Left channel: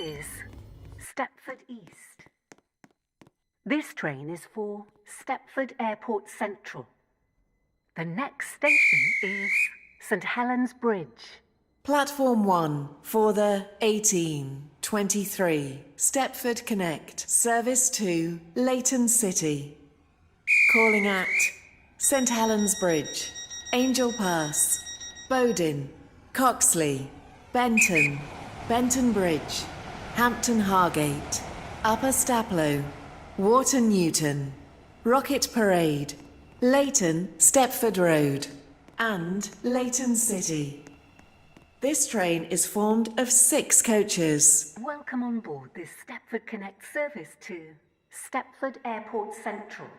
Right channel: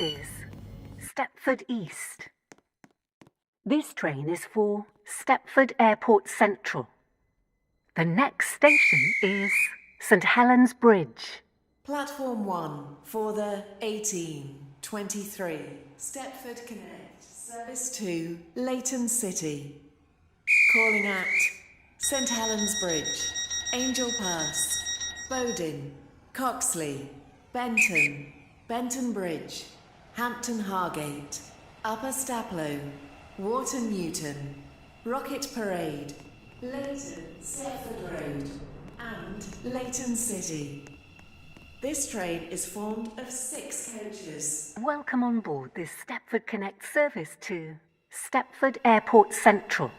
is Stepford East. This train is for Stepford Airport Central. The next station is St Helens Bridge. Platform 1 for the 1823 Stepford Connect service to Leighton City. Calling at St Helens Bridge, Angel Pass, Bowdon, Coxley, Benton, Benton Bridge, Hampton Hargate, Upper Staplow, Wharton Newton, Rocket Parade, Leighton Stepford Road, and Leighton City. This train is formed of 6 coaches. Welcome on board this Stepford Connect service to Stepford Airport Central.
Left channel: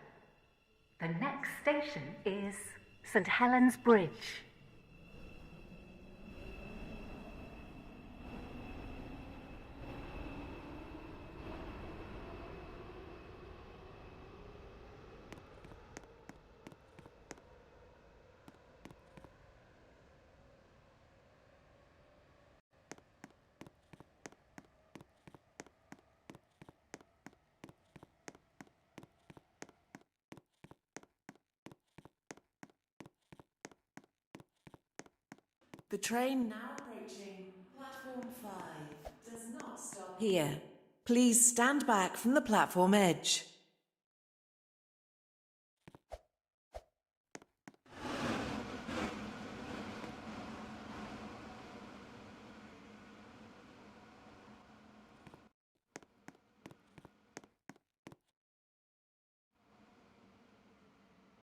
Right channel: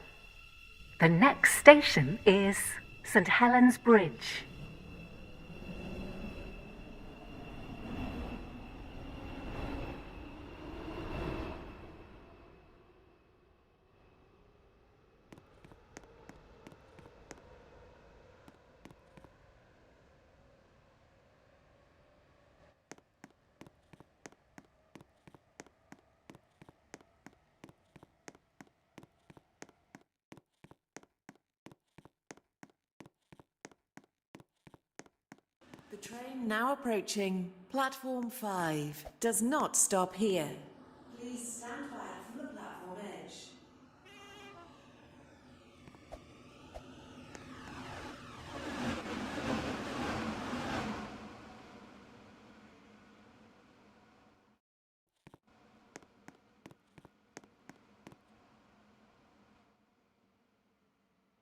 The next station is St Helens Bridge. The train now approaching platform 5 does not stop here. Please stand back from the platform edge.